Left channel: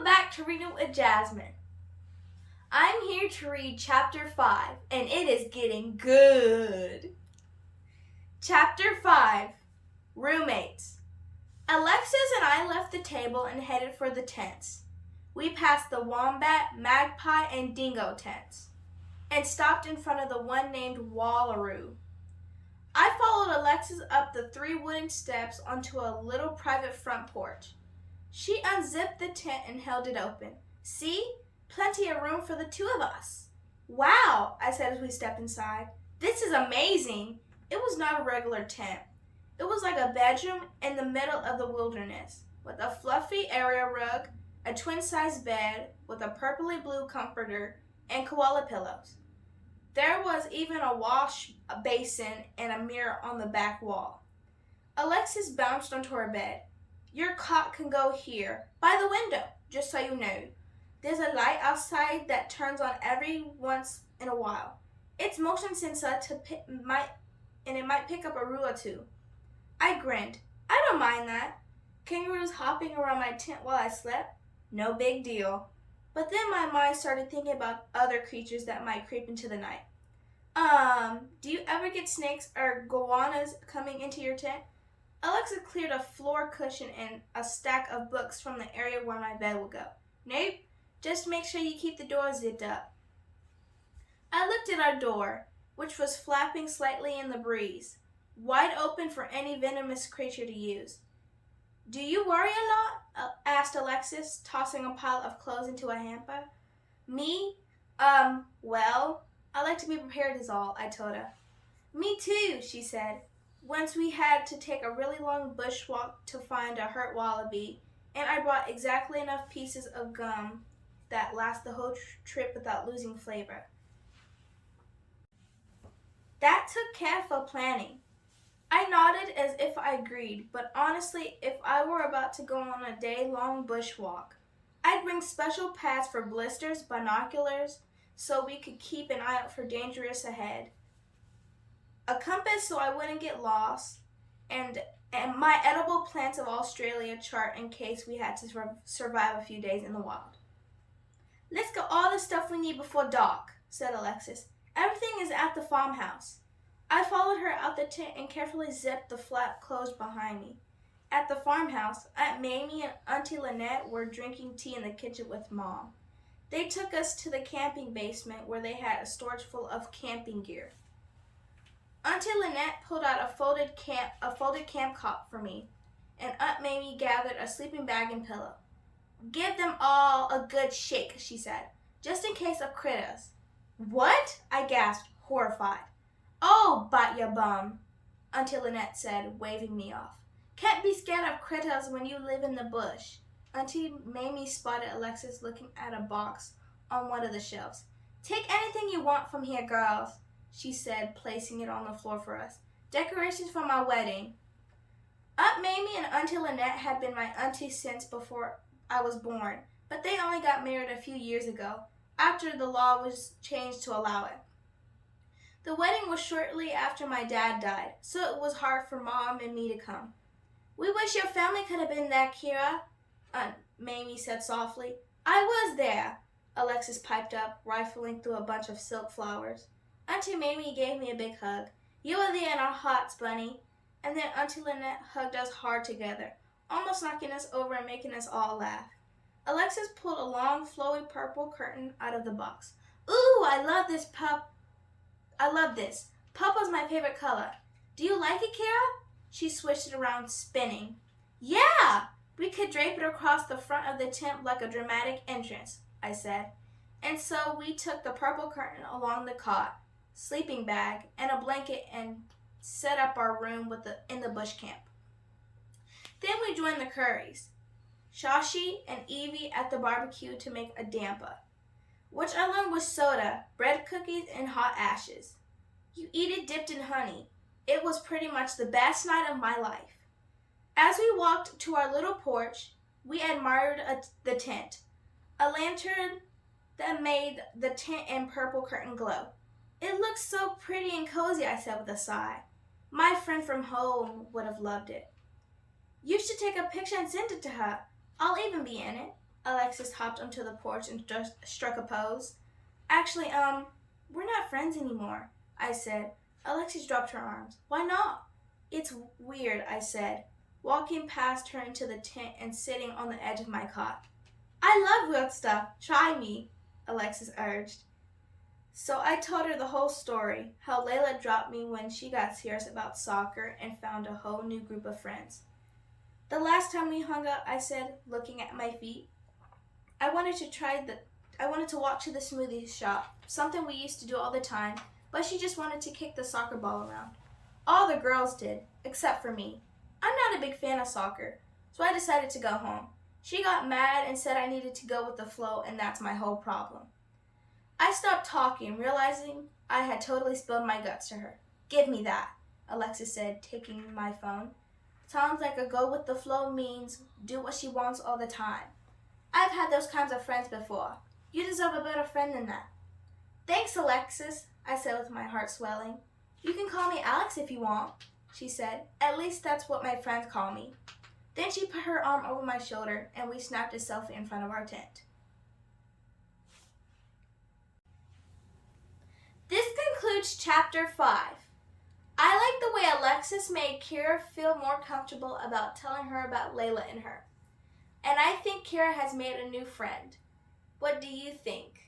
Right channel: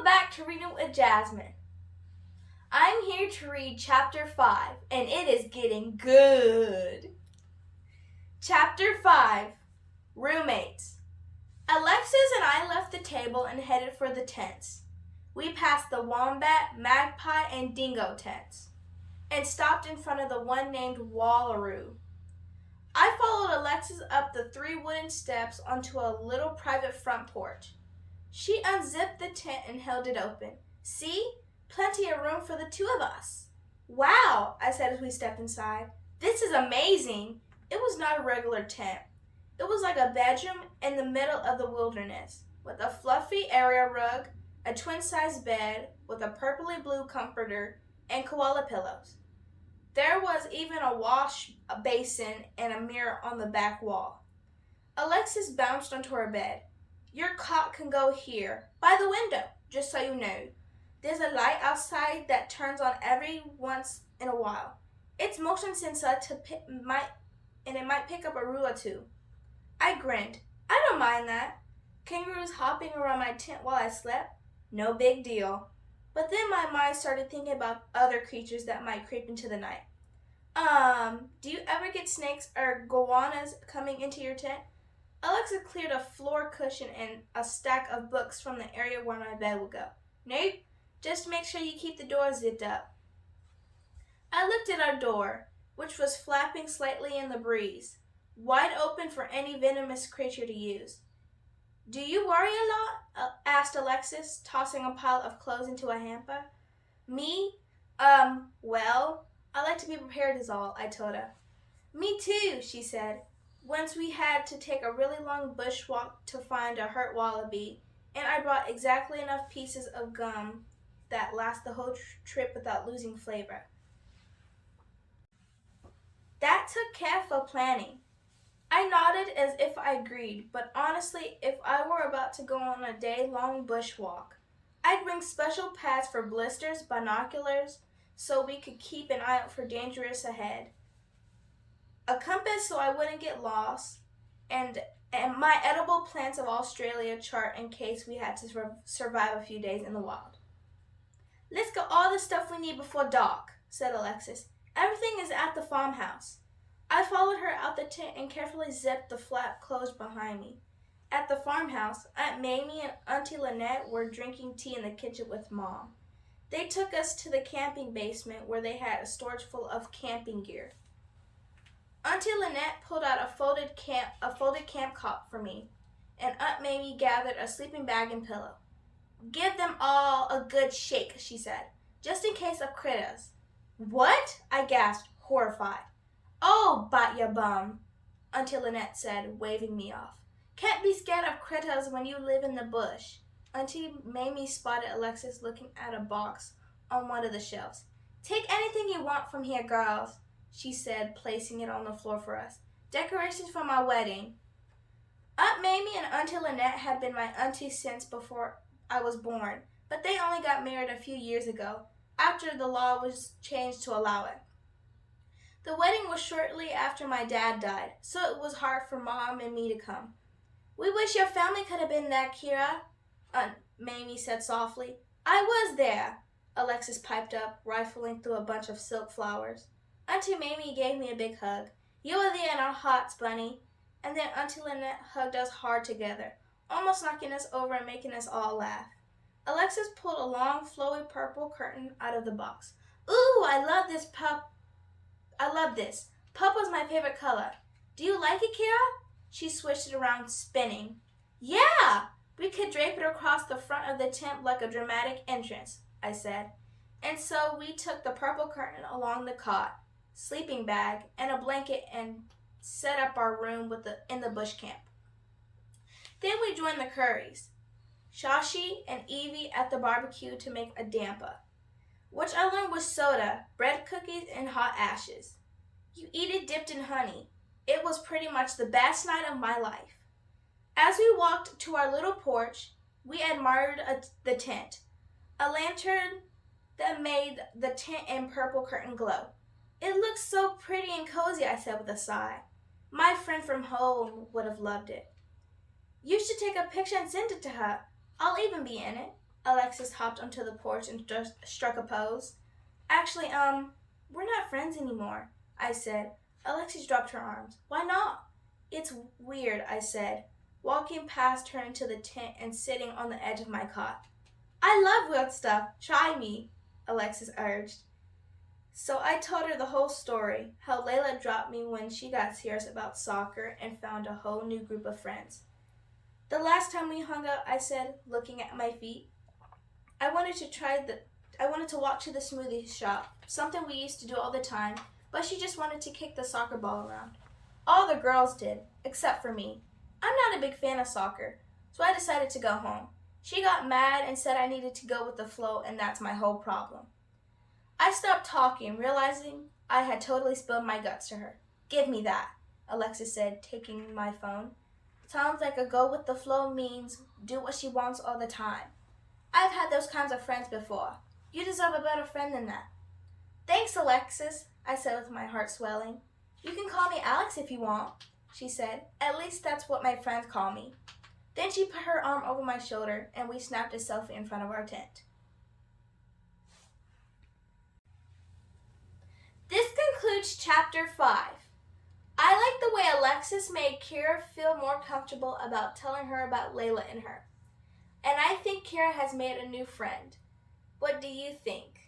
Welcome back to Reading with Jasmine. I'm here to read Chapter 5, and it is getting good. Chapter 5, Roommates. Alexis and I left the table and headed for the tents. We passed the wombat, magpie, and dingo tents, and stopped in front of the one named Wallaroo. I followed Alexis up the 3 wooden steps onto a little private front porch. She unzipped the tent and held it open. See? Plenty of room for the 2 of us. Wow, I said as we stepped inside. This is amazing. It was not a regular tent. It was like a bedroom in the middle of the wilderness, with a fluffy area rug, a twin-size bed with a purpley blue comforter, and koala pillows. There was even a wash basin and a mirror on the back wall. Alexis bounced onto her bed. Your cot can go here, by the window, just so you know. There's a light outside that turns on every once in a while. It's motion sensor and it might pick up a rule or 2. I grinned. I don't mind that. Kangaroos hopping around my tent while I slept? No big deal. But then my mind started thinking about other creatures that might creep into the night. Do you ever get snakes or goannas coming into your tent? Alexa cleared a floor cushion and a stack of books from the area where my bed would go. Nope, just make sure you keep the door zipped up. I looked at our door, which was flapping slightly in the breeze, wide open for any venomous creature to use. Do you worry a lot? Asked Alexis, tossing a pile of clothes into a hamper. Me? Well, I like to be prepared is all, I told her. Me too, she said. Once we had to take a really long bushwalk to find a hurt wallaby, and I brought exactly enough pieces of gum that last the whole trip without losing flavor. That took careful planning. I nodded as if I agreed, but honestly, if I were about to go on a day-long bushwalk, I'd bring special pads for blisters, binoculars, so we could keep an eye out for dangers ahead. A compass so I wouldn't get lost, and my edible plants of Australia chart in case we had to survive a few days in the wild. Let's get all the stuff we need before dark, said Alexis. Everything is at the farmhouse. I followed her out the tent and carefully zipped the flap closed behind me. At the farmhouse, Aunt Mamie and Auntie Lynette were drinking tea in the kitchen with Mom. They took us to the camping basement where they had a storage full of camping gear. Auntie Lynette pulled out a folded camp cot for me, and Aunt Mamie gathered a sleeping bag and pillow. Give them all a good shake, she said, just in case of critters. What? I gasped, horrified. Oh, bite your bum, Auntie Lynette said, waving me off. Can't be scared of critters when you live in the bush. Auntie Mamie spotted Alexis looking at a box on one of the shelves. Take anything you want from here, girls, she said, placing it on the floor for us. Decorations for my wedding. Aunt Mamie and Auntie Lynette had been my aunties since before I was born, but they only got married a few years ago, after the law was changed to allow it. The wedding was shortly after my dad died, so it was hard for Mom and me to come. We wish your family could have been there, Kira, Aunt Mamie said softly. I was there, Alexis piped up, rifling through a bunch of silk flowers. Auntie Mamie gave me a big hug. You were there in our hearts, Bunny. And then Auntie Lynette hugged us hard together, almost knocking us over and making us all laugh. Alexis pulled a long, flowy purple curtain out of the box. Ooh, I love this. Purple's my favorite color. Do you like it, Kira? She switched it around, spinning. Yeah! We could drape it across the front of the tent like a dramatic entrance, I said. And so we took the purple curtain along the cot, sleeping bag, and a blanket and set up our room in the bush camp. Then we joined the Currys, Shashi and Evie at the barbecue to make a damper, which I learned was soda, bread cookies, and hot ashes. You eat it dipped in honey. It was pretty much the best night of my life. As we walked to our little porch, we admired the tent, a lantern that made the tent and purple curtain glow. It looks so pretty and cozy, I said with a sigh. My friend from home would have loved it. You should take a picture and send it to her. I'll even be in it, Alexis hopped onto the porch and struck a pose. Actually, we're not friends anymore, I said. Alexis dropped her arms. Why not? It's weird, I said, walking past her into the tent and sitting on the edge of my cot. I love weird stuff. Try me, Alexis urged. So I told her the whole story, how Layla dropped me when she got serious about soccer and found a whole new group of friends. The last time we hung out, I said, looking at my feet, I wanted to walk to the smoothie shop, something we used to do all the time, but she just wanted to kick the soccer ball around. All the girls did, except for me. I'm not a big fan of soccer, so I decided to go home. She got mad and said I needed to go with the flow, and that's my whole problem. I stopped talking, realizing I had totally spilled my guts to her. Give me that, Alexis said, taking my phone. Sounds like a go with the flow means do what she wants all the time. I've had those kinds of friends before. You deserve a better friend than that. Thanks, Alexis, I said with my heart swelling. You can call me Alex if you want, she said. At least that's what my friends call me. Then she put her arm over my shoulder and we snapped a selfie in front of our tent. This concludes Chapter 5. I like the way Alexis made Kira feel more comfortable about telling her about Layla and her. And I think Kira has made a new friend. What do you think?